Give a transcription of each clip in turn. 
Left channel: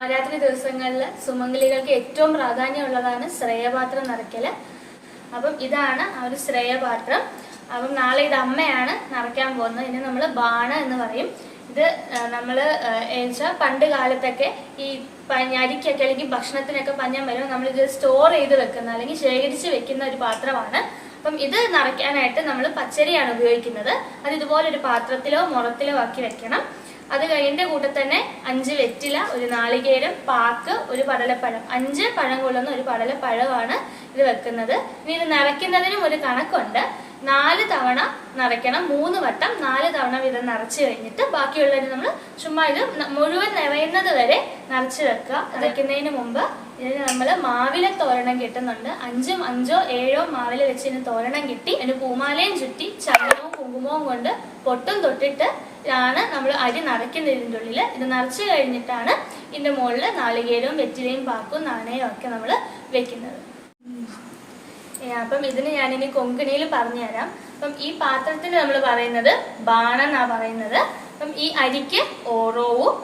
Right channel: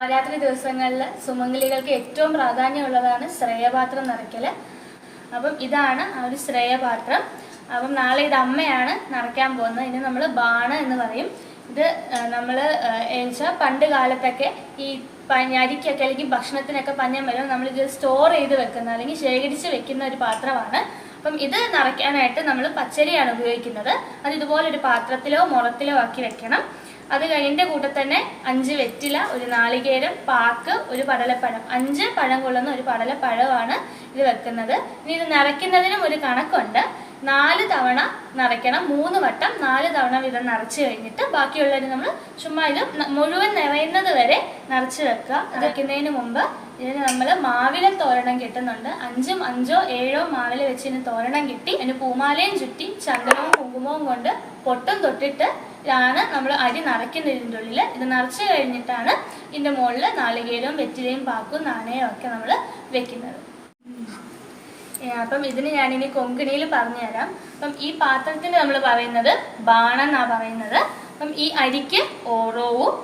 നവരാത്രി ദിവസങ്ങളിൽ സുമംഗലികൾക്ക് ഏറ്റവും പ്രാധാന്യമുള്ളതാണ് ശ്രേയപാത്രം നിറയ്ക്കൽ അപ്പം ഇതാണ് ആ ഒരു ശ്രേയപാത്രം. അപ്പം നാളെ ഇത് അമ്മയാണ് നിറയ്ക്കാൻ പോകുന്നത്. ഇനി നമ്മൾ ബാണ എന്ന് പറയും. ഇത് നമ്മൾ വെച്ചാൽ പണ്ട് കാലത്തൊക്കെ ഈ അരിക്കൊക്കെ അല്ലെങ്കിൽ ഭക്ഷണത്തിനൊക്കെ പഞ്ഞം വരും. നമ്മൾ ഇത് സ്റ്റോർ ചെയ്ത് വെക്കുന്ന അല്ലെങ്കിൽ ശേഖരിച്ച് വെക്കുന്ന ഒരു പാത്രമാണ്. അപ്പം ഇത് നിറയ്ക്കാനായിട്ട് നമ്മൾ പച്ചരിയാണ് ഉപയോഗിക്കുന്നത്. അത് ഇതുപോലെ ഒരു പാത്രത്തിലോ മുളത്തിലോ ആക്കി വെക്കണം. അത് കഴിഞ്ഞ കൂടെ തന്നെ അഞ്ച് വെറ്റില ഒരു നാളികേരം പാക്ക് ഒരു പടലപ്പഴം. അഞ്ച് പഴം കൊള്ളുന്ന ഒരു പടലപ്പഴമാണ് ഇത് വെക്കുന്നത്. ഇനി ഇത് നിറയ്ക്കുന്നതിനും ഒരു കണക്കുണ്ട്. നാല് തവണ നിറയ്ക്കണം മൂന്ന് വട്ടം നാല് തവണ വീതം നിറച്ചു കഴിഞ്ഞിട്ട് ബാക്കിയുള്ളതിന് നമ്മൾ ചുമ്മാ ഇത് മുഴുവൻ നിറയുന്നത് വരെ നിറച്ചു വെക്കുക. നിറയ്ക്കുന്നതിന് മുമ്പ് ഇതിന് നമ്മൾ മാവില തോരണം കിട്ടുന്നുണ്ട്. അഞ്ചും അഞ്ചോ ഏഴോ മാവില വെച്ച് ഇതിന് തോരണം കിട്ടി. അതിന് പൂമാലയും ചുറ്റി ചന്ദനവും കുങ്കുമവും കൊണ്ട് പൊട്ടും തൊട്ടിട്ട് ാണ് നമ്മൾ അരി നിറയ്ക്കുന്നതിന്റെ ഉള്ളിൽ ഇത് നിറച്ചു കഴിഞ്ഞിട്ടാണ് ഇതിന്റെ മുകളിൽ നാളികേരവും വെറ്റിലയും പാക്കും നാണയവും ഒക്കെ നമ്മൾ വെക്കുന്നത്. അപ്പം ഇതിന് ഞാനിനി കൊങ്കിണിയിൽ പറഞ്ഞുതരാം. അപ്പം ഈ പാത്രത്തിൽ നമ്മൾ പറയുന്നത് ബാണ എന്നാ പറയുന്നത്. അപ്പം ഈ അരിക്ക് ഓറോവും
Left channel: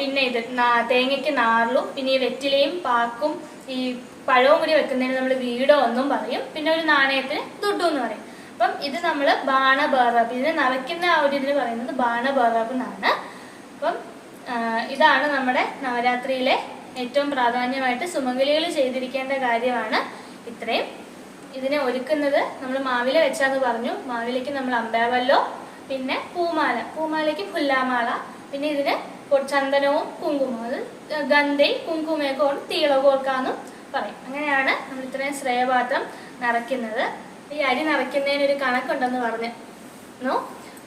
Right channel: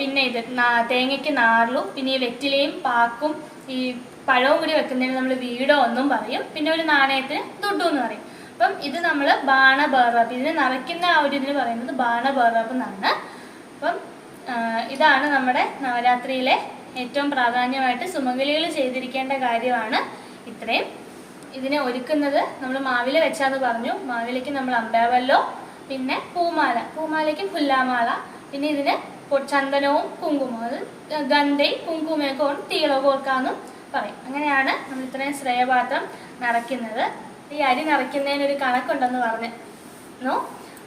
പിന്നെ ഇത് തേങ്ങയ്ക്ക് നാറിലും പിന്നെ ഈ വെറ്റിലയും പാക്കും ഈ പഴവും കൂടി വെക്കുന്നതിന് നമ്മൾ വീടോ ഒന്നും പറയും. പിന്നെ ഒരു നാണയത്തിന് ദുഡു എന്ന് പറയും. അപ്പം ഇത് നമ്മൾ ബാണ ബേറബ് ഇതിന് നവയ്ക്കുന്ന ആ ഒരു ഇതിന് പറയുന്നത് ബാണ ബേറബ് എന്നാണ്. അപ്പം ഇതാണ് നമ്മുടെ നവരാത്രിയിലെ ഏറ്റവും പ്രാധാന്യമായിട്ട് സുമംഗലികൾ ചെയ്തിരിക്കേണ്ട കാര്യമാണ് ഇത്രയും. ഇതിനെ ഒരുക്കുന്നത് നമ്മൾ മാവില വെച്ചാന്ന് പറഞ്ഞു. മാവിലേക്ക് നമ്മൾ അമ്പേവല്ലോ പിന്നെ പൂമാല. പൂമാലയ്ക്ക് പുല്ലാമാല പിന്നെ ഇതിന് ചന്ദനവും കുങ്കുമവും. അത് കുങ്കുമയൊക്കെ കുങ്കുമേക്കോൺ തീളകോർക്കാന്നും പറയും. അങ്ങനെയാണ് നമ്മൾ ഇത്രയും ശ്രേയപാത്രം നിറയ്ക്കുന്നത്. ഈ അരി നിറയ്ക്കുന്നതിന് ഒരു കണക്കുണ്ടെന്ന് പറഞ്ഞു.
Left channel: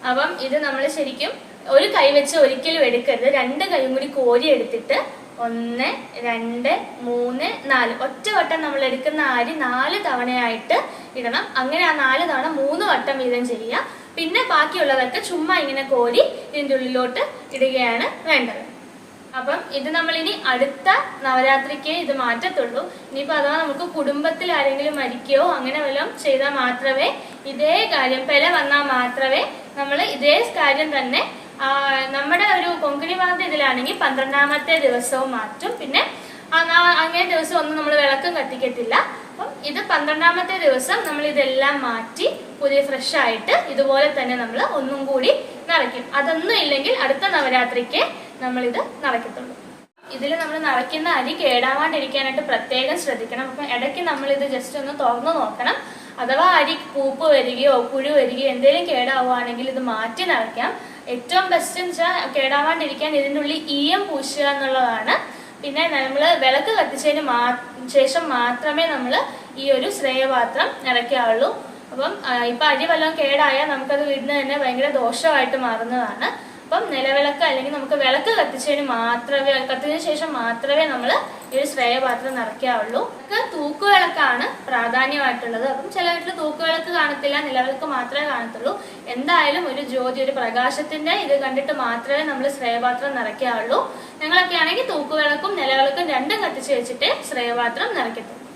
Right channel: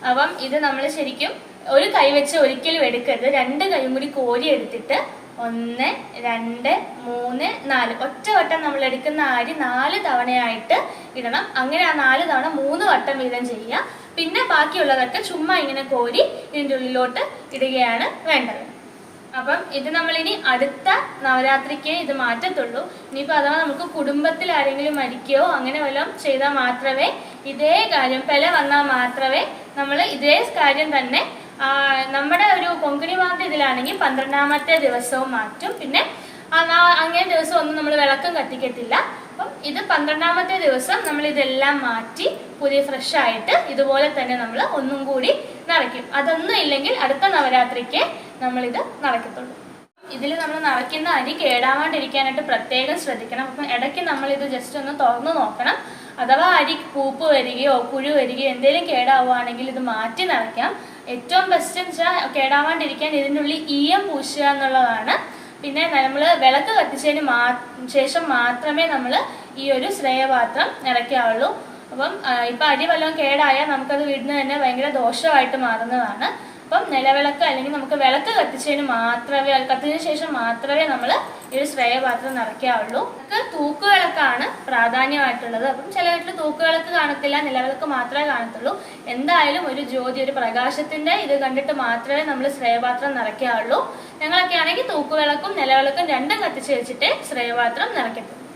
അപ്പം ഇത് നമ്മൾ ശരിക്കും ഒരു കൈ വെച്ച് ഒരിക്കലും എടുക്കരുത്. രണ്ട് കൈയും കൂടി കോരി എടുത്തിട്ട് ഒന്ന് രണ്ട് മൂന്ന് നാല്. ഒറ്റ വട്ടം നമ്മൾ എടുക്കുന്ന അരി നാല് തവണയായിട്ട് ഇടണം. അങ്ങനെ ആ നാല് തവണ മൂന്ന് വട്ടം വീതം ചെയ്യുക. പിന്നെ ബാക്കിയുള്ളതൊക്കെ ചുമ്മാ ഇങ്ങനെ കോരി ഇതിന്റെ ഉള്ളിലോട്ട് ഇടുകയാണ് വേണ്ടത്. അപ്പം ഇത് നമ്മളിനി അടുത്ത നവരാത്രിക്ക് ഇത് മാറ്റത്തുള്ളൂ. ഇനിയിപ്പോൾ അഥവാ നമുക്ക് കുടുംബത്തിൽ ആരെങ്കിലും മരിക്കുകയോ അങ്ങനെ വല്ലതും ചെയ്താൽ മാത്രമേ ഇതേ കാര്യം പെല വന്നാൽ മാത്രമേ നമ്മൾ ഇതേ കാര്യം തന്നെ നമ്മുടെ ഒരു കൊങ്കണി ഭാഗത്തെ ഇതിലാണെങ്കിൽ പന്ത്രണ്ടാമത്തെ ദിവസവും മാറ്റും. പിന്നെ അങ്ങേ ദിവസം ഒന്നും നമ്മൾ വിളക്കം കത്തിക്കത്തില്ല. അപ്പം ഇത് പന്ത്രണ്ടാമത്തെ ദിവസം നമ്മൾ ഇതെല്ലാം മാറ്റി പുതിയ ഫ്രഷ് ആയിട്ട് ഇതുപോലെ തന്നെ നമ്മൾ ഒന്നും കൂടി നിറയ്ക്കും അതൊന്നും ഇല്ലെങ്കിൽ അടുത്ത നവരാത്രിക്ക് നമ്മളിത് നിറയ്ക്കത്തുള്ളൂ ഇതിൽ നമ്മൾ നിറയ്ക്കുന്ന അരി കേടാവാണ്ടിരിക്കാനായിട്ട് പ്രത്യേകം ശ്രദ്ധിക്കണം. അപ്പം ഇടയ്ക്ക് നമ്മൾ ഇത് ജസ്റ്റ് ഒന്ന് തുറന്നു നോക്കണം. അഥവാ അരി പൂപ്പ് വരികയോ പുഴു വരികയോ എന്തെങ്കിലും കേടാവുകയാണെങ്കിൽ ഇത് മാറ്റി നിറയ്ക്കാം ഏറ്റവും ബെസ്റ്റ് എന്ന് വെച്ചാൽ കേടാവാണ്ടിരിക്കാൻ ഇതിന്റെ ഉള്ളിൽ ഈയം പൂശുക എന്നുള്ളതാണ്. പിന്നെ നമ്മൾ വിളക്ക് കത്തിച്ചതിന് മാ ശേഷം മാത്രമേ നമ്മൾ ഈ ഒരു ശ്രേയപാത്രം നിറയ്ക്കാവുള്ളൂ അപ്പം ഇപ്പം ഇപ്പൊ അരി വല്ലതും കേടായാൽ നമുക്കത് വീടിന് തന്നെ ഭയങ്കര ദോഷമായിട്ട് മാറുന്നതാണ്. അപ്പം നിലവിളക്ക് അല്ലെങ്കിൽ നമുക്ക് വിളക്ക് കത്തിച്ചതിന് മാത്രമേ കത്തിച്ചതിന് ശേഷം മാത്രമേ നമ്മൾ ഈ ഒരു ശ്രേയപാത്രം നിറയ്ക്കാവുള്ളൂ. തൂക്കുവിളക്കാണ് പ്രാധാന്യമായിട്ടുള്ളത്. അപ്പം ചില വീട്ടിൽ തൂക്കുവിളക്ക് കാണത്തില്ല നിലവിളക്ക് മാത്രമേ കാണത്തുള്ളൂ. എന്തായാലും ഒരു ജ്യോതി ഒരു പ്രകാശത്തിന്റെ ഇത് കണ്ടിട്ട് മാത്രമേ നമ്മൾ ശ്രേയപാത്രം നിറയ്ക്കാവുള്ളൂ. ഞങ്ങളൊക്കെ ആണെങ്കിൽ തൂക്കുവിളക്കും നിലവിളക്കും രണ്ടും കത്തിച്ച് വെച്ചിട്ട് ശ്രേയപാത്രം നിറയ്ക്കത്തുള്ളൂ.